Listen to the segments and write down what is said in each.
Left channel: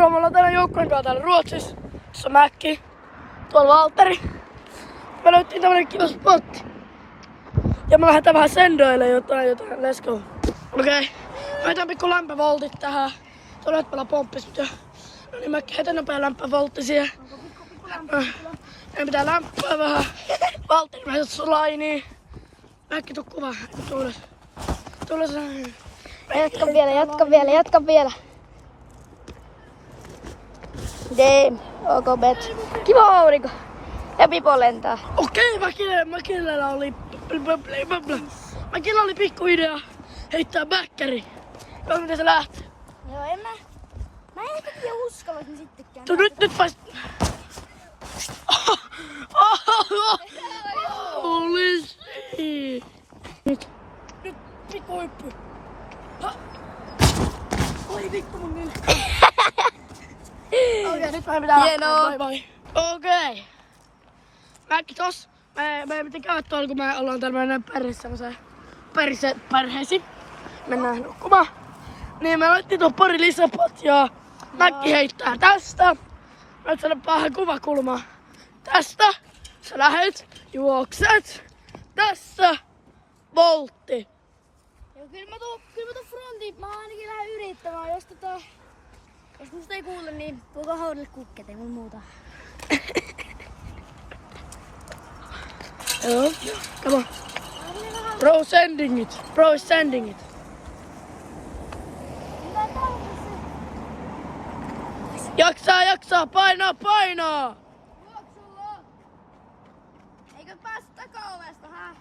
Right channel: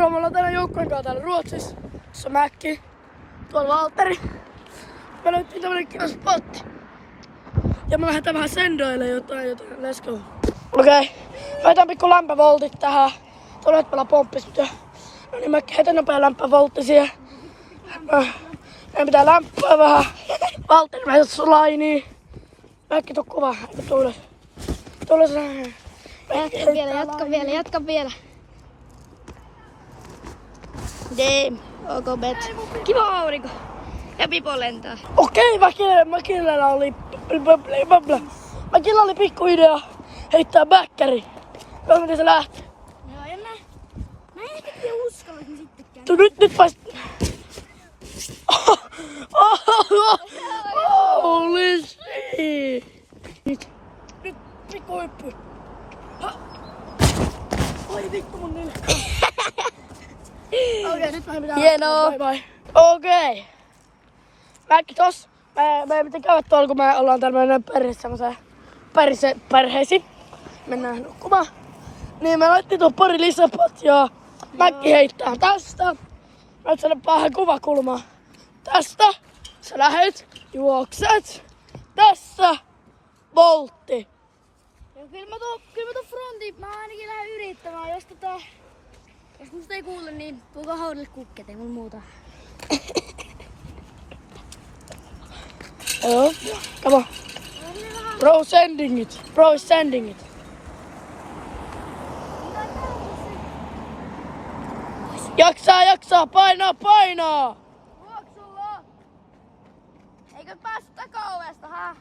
Moro, me ollaan tänään joukkojen kanssa täällä Ruotsissa. Tässä on Mäkki, tuolla Valtteri. Me löyttiin tämmönen kiva spotti. Ja me lähdetään vähän sendoille jotain. Let's go. Okei. Heitän pikku lämpövoltit tähän. Tuolla nyt pelaa pomppis. No niin, Mäkki heitän nopea lämpövoltti siihen. Meidän pitää lämpöä vähän. Valtteri, mä heitän sun lainiin. Mäkki, tuu kuvaa. Tuu ylös. Tuu ylös. Jatka vielä. Damn, ok bet. Kiva aurinko. Ja Pipo lentää. Okei, Mäkillä oli pikku idea heittää bäkkäri. Joo, miten se lähti? Joo, mä en ehkä uskalaisin sittenkään. Nyt paist... Holy shit! Nyt pikku hyppy. Oi vittu mun nilkka. Okei, nyt meidän pitää Hienoa. Bye. Okei. Mäkki tos. Me pitää käydä tuolla, kun me ollaan tämmönen perheisiin. Mennään nukkumaan. Niin me laitettiin tuon pari lisäpatjaa. Mäkki heittää tästä. Nyt saada vähän kuvakulmaa. Tästä. Sä lähet, juokset. Tässä. Voltti. Kyllä mä tuon frontiin, mä ainakin lähden yrittämään, jos musta ei kuule, niin tuokaa haudelle kukket, ei mulla muuta. Joo, come on. Bro sending it. Bro is sending it. Jaksaa, painaa! Juoksulla! Eikö päästä takaovesta, hä?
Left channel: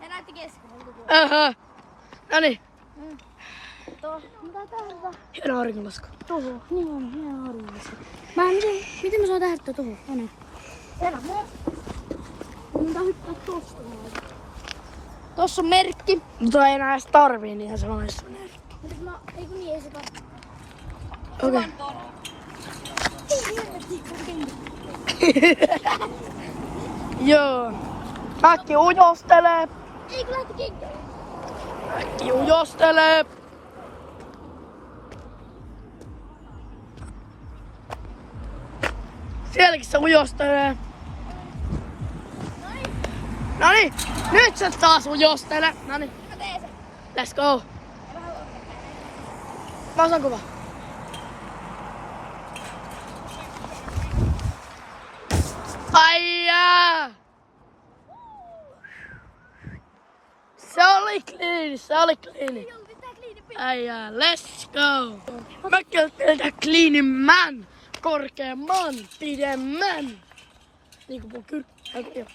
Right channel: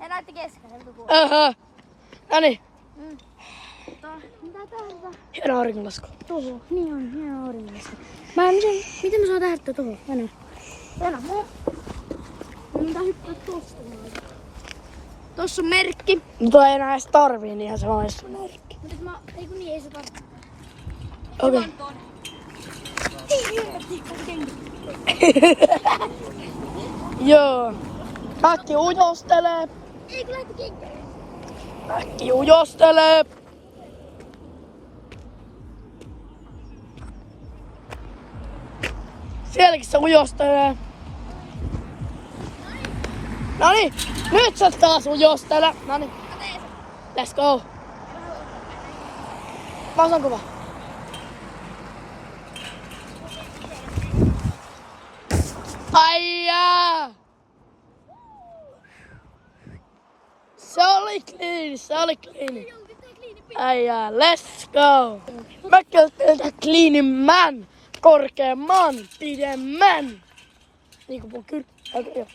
Ja näette keskellä koko. Noniin. Mitä tähdätä? Hieno auringonlasku. Tuohon, niin on, hieno auringonlasku. Miten mä saan tähdättää tuohon? Mennään. Mitä hyppää tosta? Tossa on merkki. Mutta ei enää edes tarvii, niin ihan se vaan se merkki. Mutta eikö niin, ei se tarvitse. Okei. Joo. Mäkki ujostelee. Ei kun lähti kenkä. Mäkki ujostelee. Sielläkin se ujostelee. Noniin, nyt sä taas ujostele. Noniin. Let's go. Mä osaan kuva. Aijaa! Se oli clean. Aijaa, let's go. Mäkki on teiltä cleanimman, korkeamman, pidemmän. Niinku mun kyllä. Joo.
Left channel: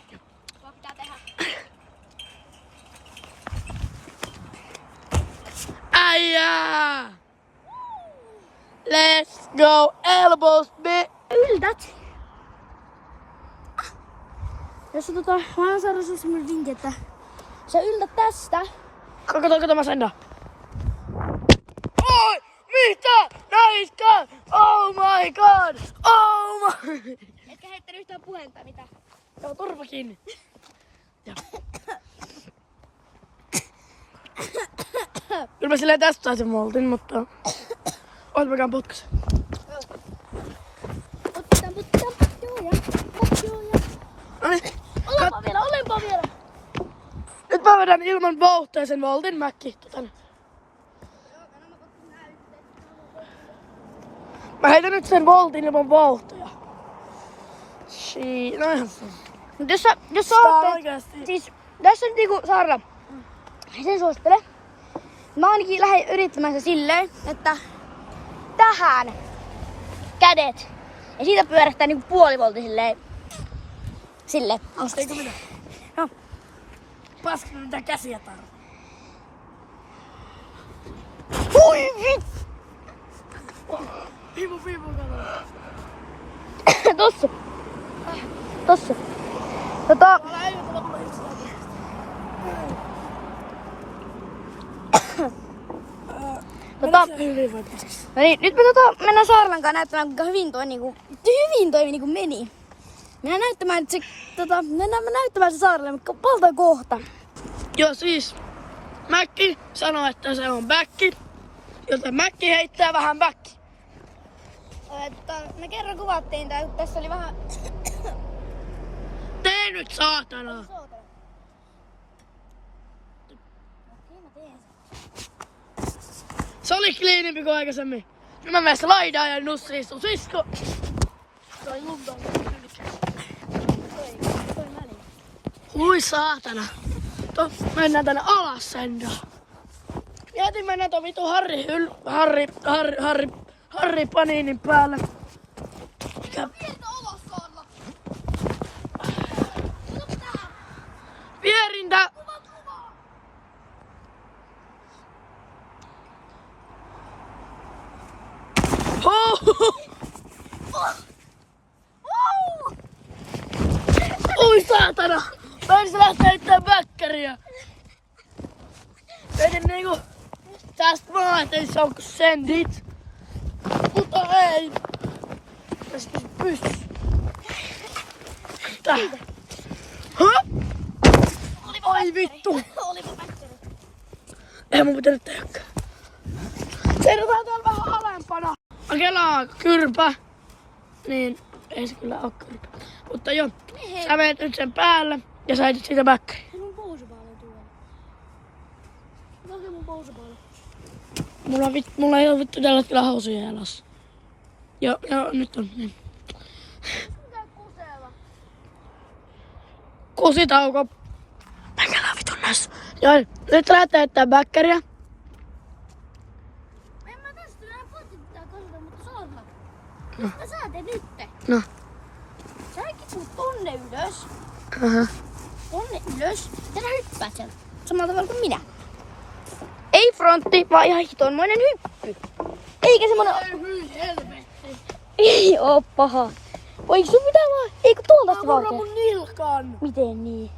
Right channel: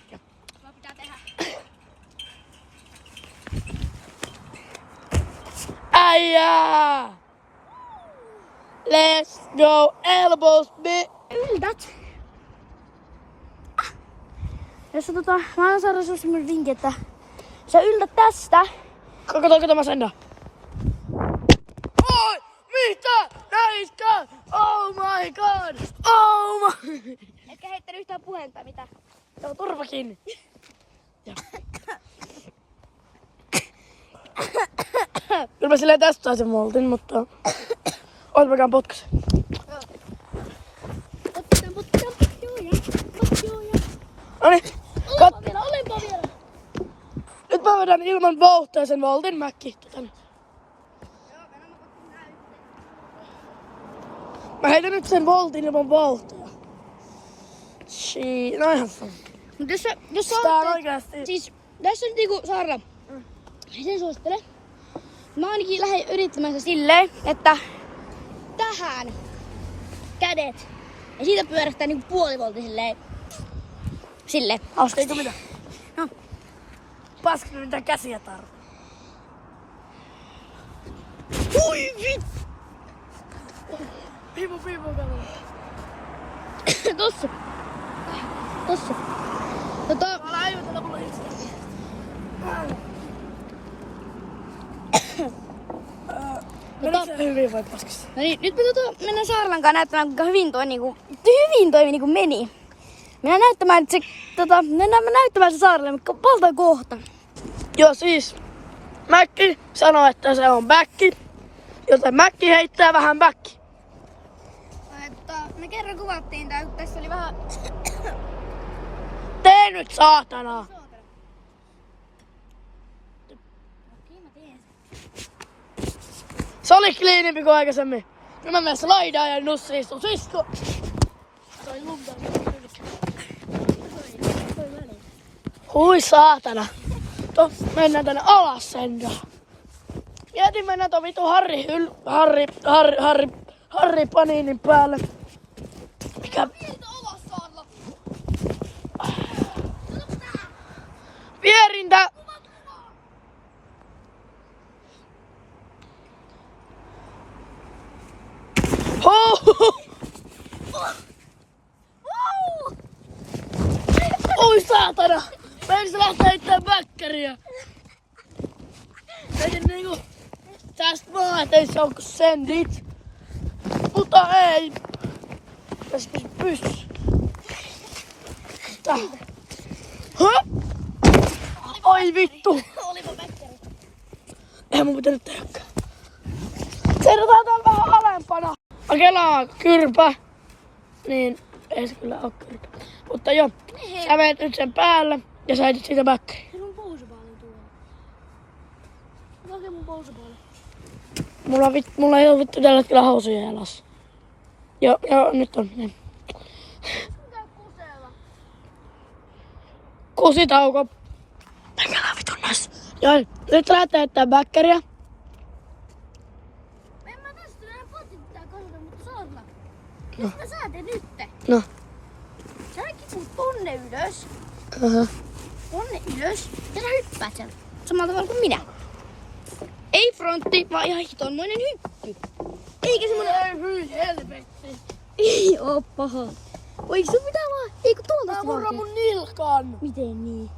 Vaan pitää tehdä. Aijaa! Let's go, elbows, Yltät. Jos mä oon saanut sulle semmonen vinkki, että sä yltät tästä. Kato mä sennaan. Oi! Mitä? Näitkö? Oh my god! Oh my... Etkä heittänyt yhtään puheenta, mitä? Joo, turpa kiinni. Kyllä mä silleen testaisin moltin, mutta... Oot mäkään potkas. Potkitaan. Noniin. Olenpa vielä. Nyt mä vedän ilman vauhtia sen voltin, Mäkki. Mä heitän nyt sen voltin ilman vauhtia. No ihan sama. Mut jos sä ootteet, siis tässä nyt niinku Sarra, sen suosittele. Mä ainakin lähden yrittämään se silleen, että tähän kädet. Ja siitä pyörähtää niinku puolivoltti silleen. Silleen. Eikö mitä? No. Paskina mitä käsiä tarvii. Hui vittu! Piipu, kato. Tossa. Älä äijytä mulle itse. Hyvin vai paskista? No niin, nyt me mennään Saarlan kanssa näyttämään, kuinka hyvin toi niinku meni. Mennään näyttämään se Saarlalle, mikä on valtava kohta. Joo siis, Mäkki sanoi, että se on bäkki, joten Mäkki heittää vähän bäkki. Me kerran kuvattiin tää, kun tässä oli vähän... Tee nyt saatana! Okei, mä teen Se oli kliinimpi kuin aikaisemmin. Nyt mä menen slaidaan ja Nussi istuu sisko. Sain lunta. Hui saatana. Mennään tänne alas sentään. Mietin mennä ton vitu Harri Paninin päälle. Mikä? Vierintä! Oi saatana! Mä ensin lähteä heittämään väkkäriä. Mietin niinku tästä maa, ettei se on kuin sentit. Mutta ei. Tässä pystyssä. Tää. Hö? Oi vittu. Olipa väkkäri. Ei mun pitänyt tehdäkään. Seidotaan täällä vähän alempana. Akelaa kyrpä. Niin, ei se kyllä oo kyrpä. Mutta joo, sä menet nyt sen päälle ja sä heitit siitä väkkäriä. Mun pousupaali tuolla. Okei mun pousupaali. Mulla ei oo vittu tällä hetkellä housuja jalassa. Joo, nyt on. Niin. Mitä kusella? Kusitauko. Mäkälä vitun näissä. Joo, nyt lähdetään heittää väkkäriä. En mä tästä näin potittaa kasata, mutta sorma. No. Mitä sä teet nytte? No. Sä kiput tonne ylös. Tonne ylös. Ja sä hyppäät sieltä. Samalla tavalla kuin minä. Ei frontti, vaan ihan hitonmoinen hyppy. Eikä semmonen... Ei hyi helvetti. Ei oo paha. Voiko sun pitää olla... Eikö tuolta Mä murran mun nilkan. Miten niin?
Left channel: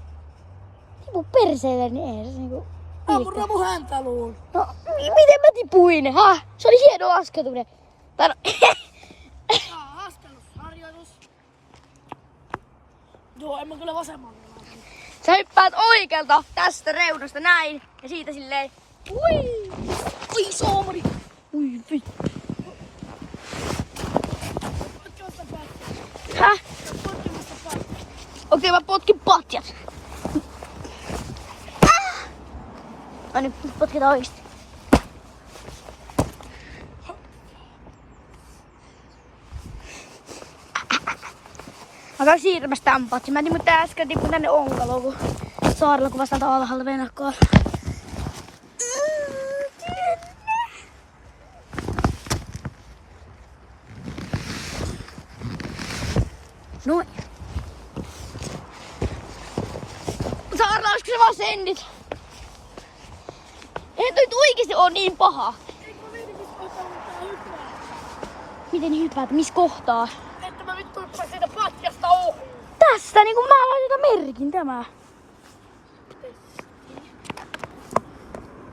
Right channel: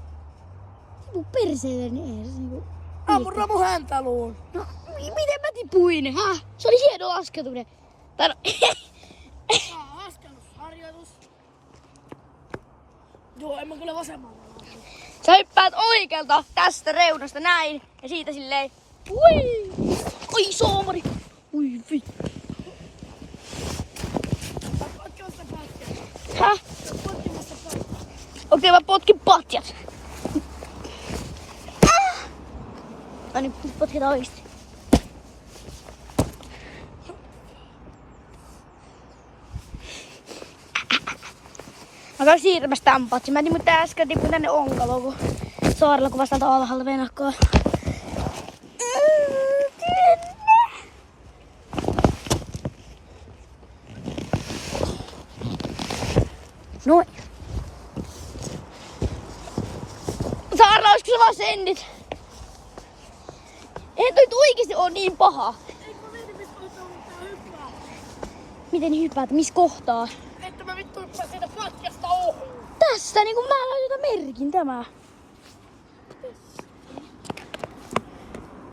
Tipu perseelle, niin ei se niinku... Mä murran mun häntäluun. No, miten mä tipuin? Häh? Se oli hieno laskeutuminen. Tai no... Askellusharjoitus. Joo, en mä kyllä vasemmalle laita. Sä hyppäät oikealta tästä reunasta näin. Ja siitä silleen... Ui! Oi soomari! Ui vittu. Potkimasta patjat. Häh? Potkimasta patjat. Okei, mä potkin patjat. No nyt potkitaan oikeesti. Mä käyn siirrämässä tän patsin. Mä mutta äsken tippun tänne onkaloon, kun saarella kuvasi täältä alhaalta venakkaa. Noin. Saarella, olisiko se vaan sendit? Eihän toi oikeesti oo niin paha. Miten hyppäät? Missä kohtaa? Että mä vittu hyppään siitä patjasta ohuun. Tässä niinku mä laitan merkin tämä.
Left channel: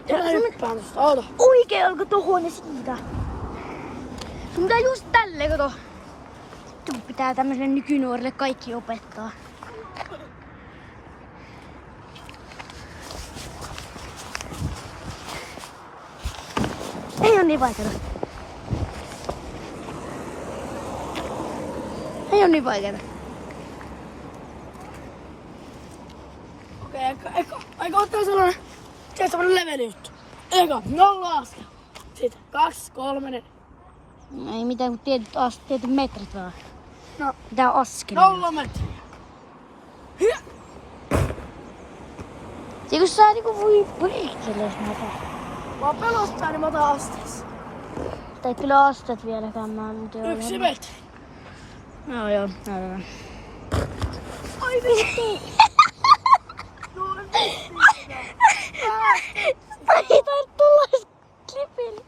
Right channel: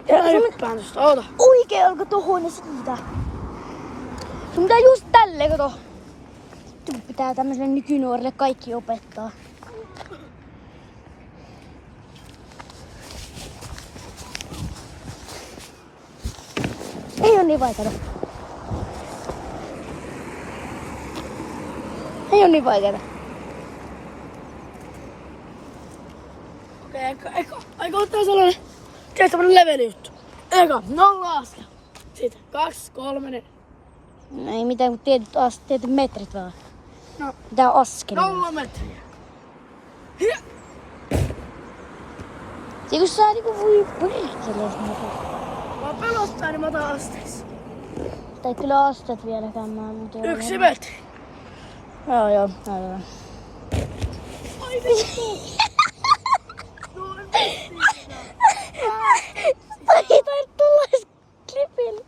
Ja hyppään tosta, oota. Oikealko tohon ja siitä? Sun pitää just tälleen, kato. Kun pitää tämmöiselle nykynuorille kaikki opettaa. Ei oo niin vaikeeta. Ei oo niin vaikeeta. Okei, aika ottaa sellainen, tiedät semmonen leveli juttu. Eka, 0 askel. Sitten 2, 3, 4. No ei mitään, kun tietyt metrit vaan. No, Pitää askelia. 0 metriä. Se kun sä niinku voi perkele, jos mä otan. Mä pelottaa, niin mä otan asteessa. Tai kyllä astet vieläkään mä, mutta 1 metri. Joo, näytetään. Ai vittu. Ei tulla edes klipille.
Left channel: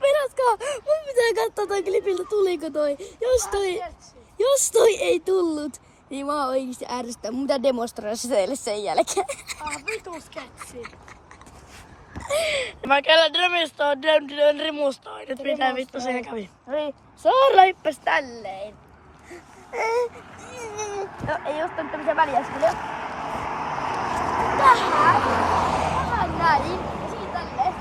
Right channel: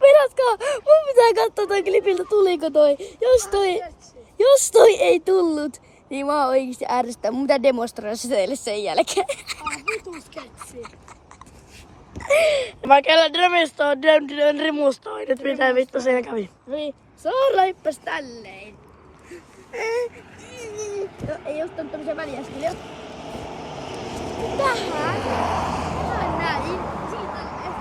Vedätkää, mun pitää katsoa toi klipiltä, tuliko toi. Jos toi ei tullut, niin mä oon oikeesti ärsyttää. Mun pitää demonstroida se teille sen jälkeen. Vitu sketsi. Mä käyn drömistoon, rimustoon. Nyt mitä vittu siellä kävi. Saarella hyppäs tälleen. No, ei ottanut tämmösiä väliäskeliä. Tähän näin. Ja siitä tälleen.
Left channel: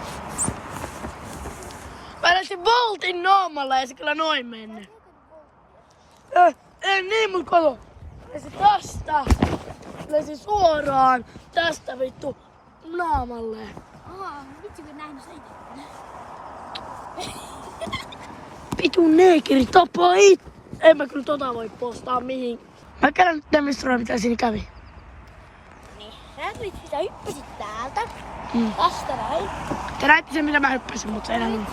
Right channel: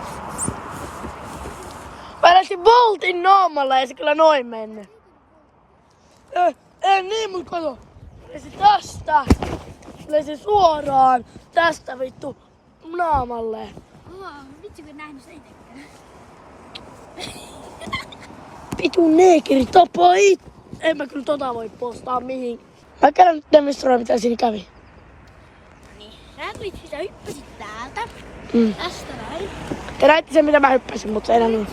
Mä lähtin voltin naamalla ja se kyllä noin menne. Ei niin, mut kato. Lesi tästä. Lesi suoraan tästä vittu naamalle. Vitsi kun nähnyt se itekään. Vitu neekeri tapaa En mä kyllä tota voi postaa mihin. Mä käyn nyt demonstроida mitä siinä kävi. Niin, sä hyppäsit täältä. Tästä näin. Te näitte sen mitä mä hyppäsin, mutta se ei näin.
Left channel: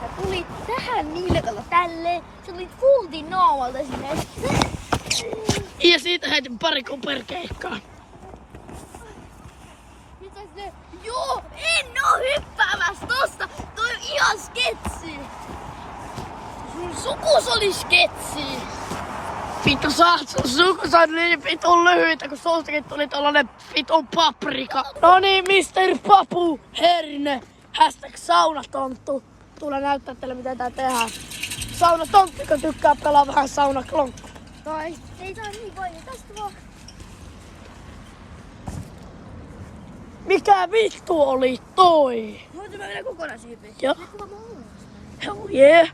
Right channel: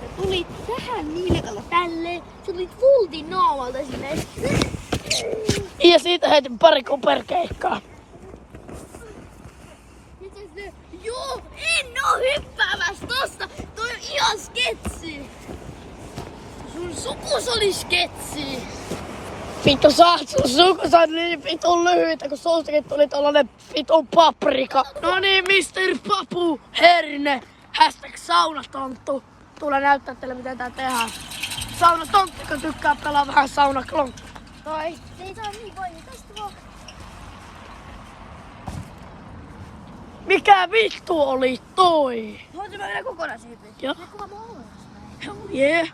Sä tulit tähän nilkalla tälleen. Sä tulit fultin naamalta sinne. Ja siitä heitin pari kuperkeikkaa. Joo, en oo hyppäämässä tosta. Toi on ihan sketsi. Sun sukus oli sketsi. Vittu sun sukus on niin vitun lyhyitä, kun sustakin tuli tollanen vitun paprika. No niin, Mr. Papu Herne. #saunatonttu. Tule näyttää teille miten tää tehdään. Saunatonttu, kun tykkää pelaa vähän saunaklonkku. Tai se ei tää niin voimaa. Tästä vaan. Mikä vittu oli toi? Voitin mä vielä kokonaan siihen. Joo. Kuva mä oon. Hell yeah.